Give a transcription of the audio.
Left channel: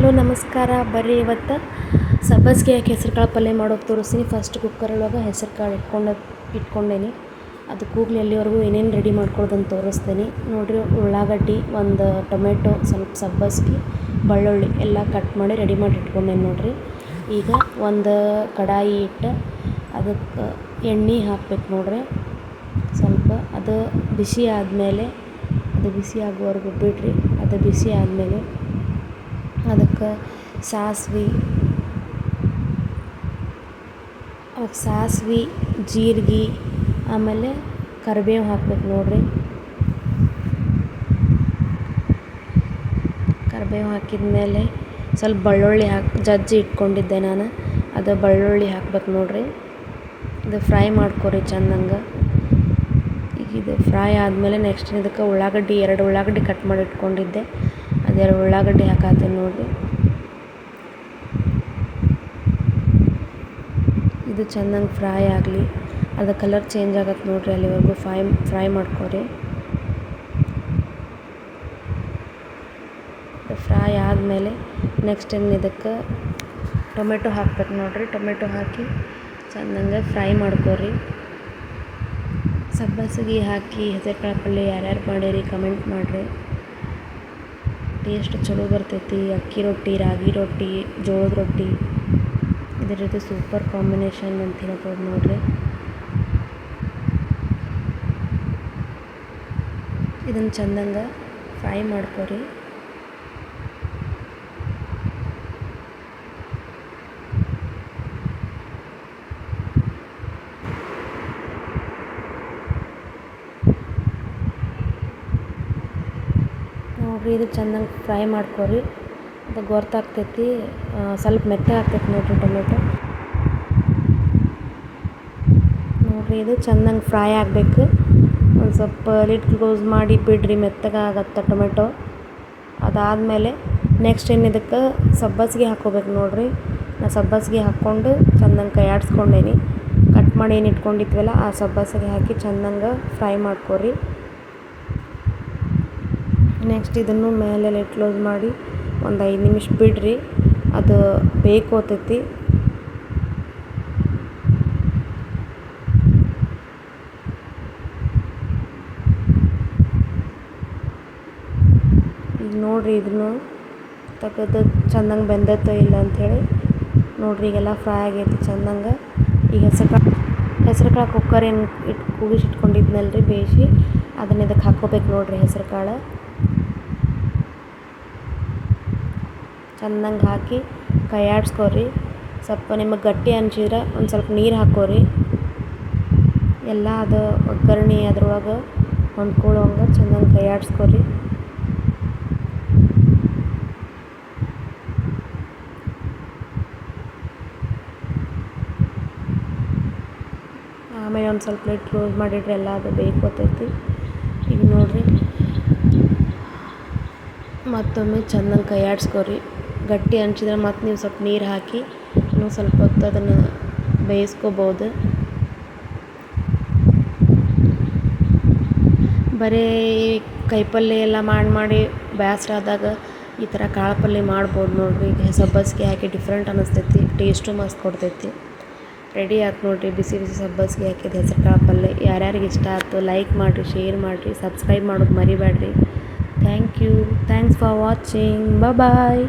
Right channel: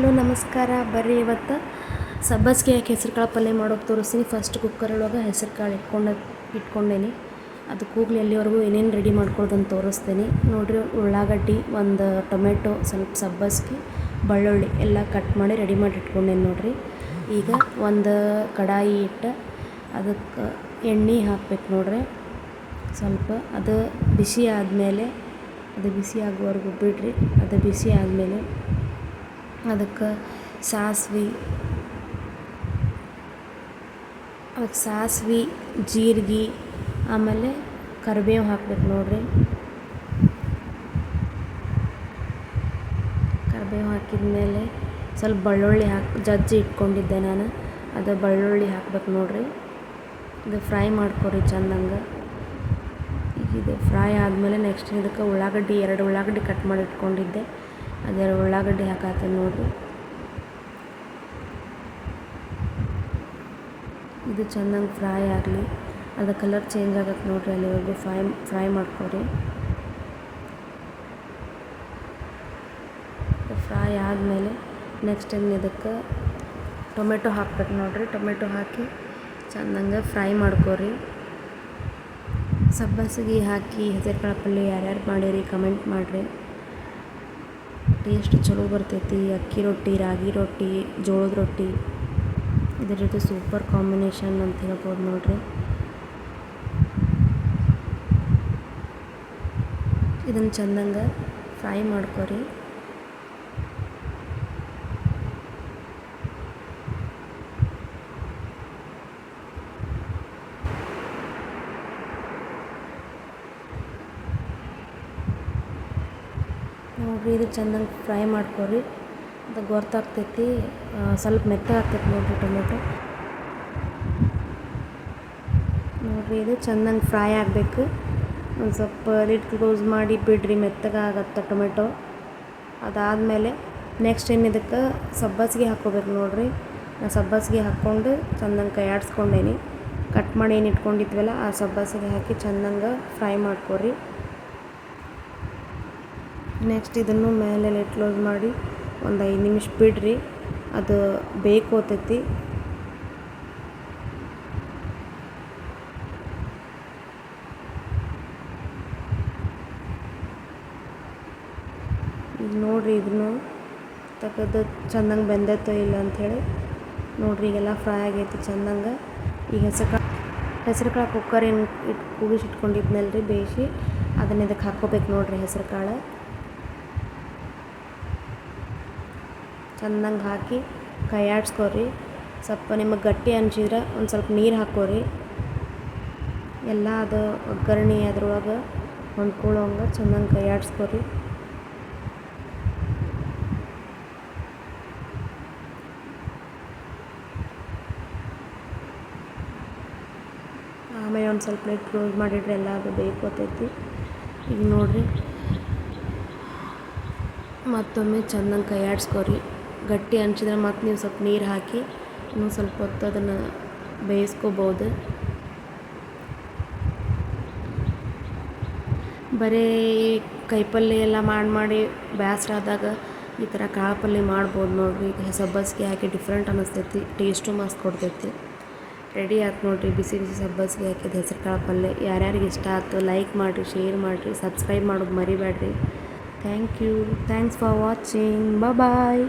Hello ನಮಸ್ಕಾರ. ಬರ್ರಿ ಇವತ್ತು ಸಬ್ಬಸಿಗೆ ಹಾಕಿ ಹೆಸ್ರು ಕಾಳು ಪಲ್ಯ ಮಾಡೋದು ತೋರಿಸ್ತೀನಿ. ಫಸ್ಟ್ ಕುಕ್ಕರೊಳಗೆ ಹೆಸ್ರು ಕಾಳು ಇಟ್ಕೊಂಡೇನಿ. ಅದು ಕೂಗ್ಲಿ ಅಲ್ಲಿವರೆಗೂ ಏನೇನು ರೆಡಿ ಮಾಡ್ಕೊಳ್ಳೋದಂತ ತೋರಿಸ್ತೀನಿ ನೋಡಿರಿ. ಉಳ್ಳಾಗಡ್ಡಿ, ಒಂದು ಟೊಮೆಟೊ, ಸ್ವಲ್ಪ ಸಬ್ಬಸಿಗೆ, ಬೆಳ್ಳುಳ್ಳಿ ಎಲ್ಲ ಕಟ್ ಮಾಡಿ ರೆಡಿ ಮಾಡಿ ಇಟ್ಕೊಂಡೇನಿ ನೋಡಿರಿ. ಈಗ ಒಂದು ಕಡಾಯಿ ಇಟ್ಟು ಅದಕ್ಕೆ ಎಣ್ಣೆ ಹಾಕ್ಬೇಕು ನೋಡ್ರಿ. ಸ್ವಲ್ಪ ಅದು ಬಿಸಿ ಆದಮೇಲೆ, ಅದು ಬಿಸಿ ಆಗುವವರೆಗೂ ಬಿಡ್ರಿ. ಅದು ಬಿಸಿ ಆದಮೇಲೆ ಅದಕ್ಕೆ ಸಾಸ್ವೆ, ಜೀರಿಗೆ, ಆಮೇಲೆ ಕರಿಬೇವು ಹಾಕ್ಬೇಕು ನೋಡ್ರಿ. ಕರಿಬೇವು ಹಾಕಿದ ಸ್ವಲ್ಪ ಬೆಳ್ಳುಳ್ಳಿ ಜಜ್ಜಿ ಇಟ್ಕೊಂಡಿದ್ದೆ ನಾನು. ಅದು ಬೆಳ್ಳುಳ್ಳಿ ಹಾಕ್ಬೇಕು ನೋಡ್ರಿ. ಇದು ಫ್ರೈ ಮಾಡ್ಕೊರಿ ಚೆಂದಂಗೆ. ಈಗ ಇದು ಫ್ರೈ ಆದಮೇಲೆ ನೆಕ್ಸ್ಟ್ ಇದಕ್ಕೆ ಎರಡು ಉಳ್ಳಾಗಡ್ಡಿ ಕಟ್ ಮಾಡಿ ಇಟ್ಕೊಂಡಿದ್ದೆ. ಅದೆರಡು ಉಳ್ಳಾಗಡ್ಡಿ ಹಾಕತ್ತೀನಿ ನೋಡಿರಿ. ಇದು ಚೆನ್ನಾಗಿ ಫ್ರೈ ಆಗಲಿ. ಅದು ಕಲರ್ ಚೇಂಜ್ ಆಗತ್ತೆ ನೋಡಿರಿ. ಅಲ್ಲಿವರೆಗೂ ಫ್ರೈ ಮಾಡ್ಕೊರಿ. ಫ್ರೈ ಆದಮೇಲೆ ನೆಕ್ಸ್ಟ್ ಇದಕ್ಕೆ ಟೊಮೆಟೊ ಹಾಕ್ಬೇಕು ನೋಡಿರಿ. ಟೊಮೆಟೊ ಹಾಕಿ ಚೆನ್ನಾಗಿ ಫ್ರೈ ಮಾಡ್ಕೊರಿ. ಸಬ್ಬಸಿಗೆ ಹಾಕಿ ಹೆಸರು ಕಾಳು ಪಲ್ಯ ಯಾರ್ಯಾರು ಮಾಡಿರಿ ಕಮೆಂಟ್ ಮಾಡಿರಿ. ಟೇಸ್ಟ್ ಚಲೋ ಬರ್ತೈತಿ. ಅಕ್ಕಿ ರೊಟ್ಟಿ, ರಾಗಿ ರೊಟ್ಟಿ, ಜೋಳದ ರೊಟ್ಟಿ ಇದ್ರ ಜೊತೆ ಸೂಪರ್ ಕಾಂಬಿನೇಷನ್ ಅಂತ ಹೇಳ್ಬೋದು ನೋಡಿರಿ. ಇದನ್ನು ಚೆಂದಂಗೆ ಫ್ರೈ ಮಾಡ್ಕೊರಿ. ನೋಡಿರಿ, ಇದು ಚೆಂದಂಗೆ ಫ್ರೈ ಮಾಡ್ಕೊರಿ. ಅದು ಗೊತ್ತಾಗ್ತೈತಿ. ಸ್ವಲ್ಪ ಮೆತ್ತಗೆ ಆಗ್ತೈತಿ ನೋಡಿರಿ ಟೊಮೆಟೊ. ನೋಡಿರಿ, ಇದು ಚೆಂದಂಗೆ ಫ್ರೈ ಆಗಬೇಕು. ಒಂದು ಸ್ವಲ್ಪ ಲಿಡ್ ಕ್ಲೋಸ್ ಮಾಡಿ ಬಿಡ್ರಿ, ಮೆತ್ತಗೆ ಆಗತ್ತೆ ಟೊಮೆಟೊ. ಅದಾದಮೇಲೆ ನೆಕ್ಸ್ಟ್ ಇದಕ್ಕೆ ಸಬ್ಬಸಿಗೆ ಹಾಕ್ಕೋಬೇಕು ನೋಡಿರಿ. ನಾನು ಸಬ್ಬಸಿಗೆ ಹಾಕ್ಕೊಂಡು ಚೆಂದಂಗೆ ಕೈ ಆಡಿಸ್ಕೊಂಡೇನಿ. ಕಟ್ ಮಾಡಿ ಏನು ಇಟ್ಕೊಂಡಿದ್ವಲ್ಲ ಆ ಸಬ್ಬಸಿಗೆ ಹಾಕಿ ಚೆಂದಂಗೆ ಫ್ರೈ ಮಾಡ್ಕೊರಿ. ನೆಕ್ಸ್ಟ್ ಇದನ್ನು ಮೇಲೆ ಲಿಡ್ ಕ್ಲೋಸ್ ಮಾಡಿ ಒಂದು 5 ನಿಮಿಷ ಬಿಡ್ರಿ. ಅದು ಬೇಯ್ಕೋತೈತಿ. ಈಗ ನೋಡಿರಿ, ಇದನ್ನು ತೆಗೆದು ಚೆಂದಂಗೆ ಬೆಂದೈತೋ ಇಲ್ಲ ಅಂಥೇಳಿ ನೋಡಿರಿ. ಈಗೆಲ್ಲ ಫ್ರೈ ಆಗೈತಿ ಚೆಂದಂಗೆ. ಈಗ ಹೆಸ್ರು ಕಾಳು ಕುಕ್ಕರ್ ಏನು ಕೂಗಿಸಿಟ್ಕೊಂಡಿದ್ನಲ್ರಿ ಬೇಯಿಸಿ, ಅದನ್ನ ಇದಕ್ಕೆ ಹಾಕ್ಕೋಬೇಕು ನೋಡಿರಿ. ಹೆಸ್ರು ಕಾಳು ಚೆಂದಂಗೆ ಹಾಕಿ ಕೈ ಆಡಿಸ್ಕೊರಿ. ಸ್ವಲ್ಪ ನಿಮಗೆ ಗಟ್ಟಿ ಅನ್ಸಿದ್ರೆ ಒಂದು ಸ್ವಲ್ಪ ನೀರು ಹಾಕ್ಕೋರಿ. ಎಲ್ಲ ಅದು ಒಗ್ಗರಣೆ ಅದ್ರೊಳಗೆ ಹೊಂದ್ಕೊಳ್ಳೋಂಗೆ ಚೆಂದಂಗೆ ಕೈ ಆಡಿಸ್ಕೊರಿ. ಆಮೇಲೆ ಒಂದು ಸ್ವಲ್ಪ ಲಿಡ್ ಕ್ಲೋಸ್ ಮಾಡಿಡ್ರಿ. ಎಲ್ಲ ಅದು ಬೇಯ್ಕೋತೈತಿ. ಈಗ ನೋಡಿರಿ, ಮತ್ತೊಮ್ಮೆ ಚೆಂದಂಗೆ ಕೈ ಆಡಿಸ್ಕೊರಿ. ಗಟ್ಟಿ ಅನ್ಸಿದ್ರೆ ಮತ್ತು ನೀವು ಸ್ವಲ್ಪ ನೀರು ಹಾಕಿ ಇನ್ನೂ ಸ್ವಲ್ಪ ಹೊತ್ತು ಅದನ್ನು ಬೇಯಿಸ್ಕೋಬೋದು. ಬರೀ ಕೈಪಲ್ಯ ಎಲ್ಲ ಮಾಡಿ ಬೇಸರ ಆದಾಗ ಈ ಥರ ಕಾಳು ಪಲ್ಯ ಮಾಡ್ಬೋದು ನೋಡಿರಿ. ಈಗ ಸಬ್ಬಸಿಗೆ ಹಾಕಿ ಡಿಫ್ರೆಂಟ್ ಅನ್ನಿಸ್ತೈತಿ. ಟೇಸ್ಟು ಮಸ್ತ್ ಕೊಡ್ತೈತಿ. ರೆಡಿ ಆಯ್ತು ನೋಡಿರಿ, ಬಿಸಿ ಬಿಸಿ ಸಬ್ಬಸಿಗೆ ಹಾಕಿದ ಹೆಸ್ರು ಕಾಳು ಪಲ್ಯ. ಯಾರ್ಯಾರಿಗೆ ಇಷ್ಟ ಆಯ್ತು ಲೈಕ್ ಮಾಡಿರಿ, ಶೇರ್ ಮಾಡಿರಿ, ಸಬ್ಸ್ಕ್ರೈಬ್ ಮಾಡೋದು ಮರಿಬೇಡ್ರಿ. Thank you. Thanks for watching. Bye.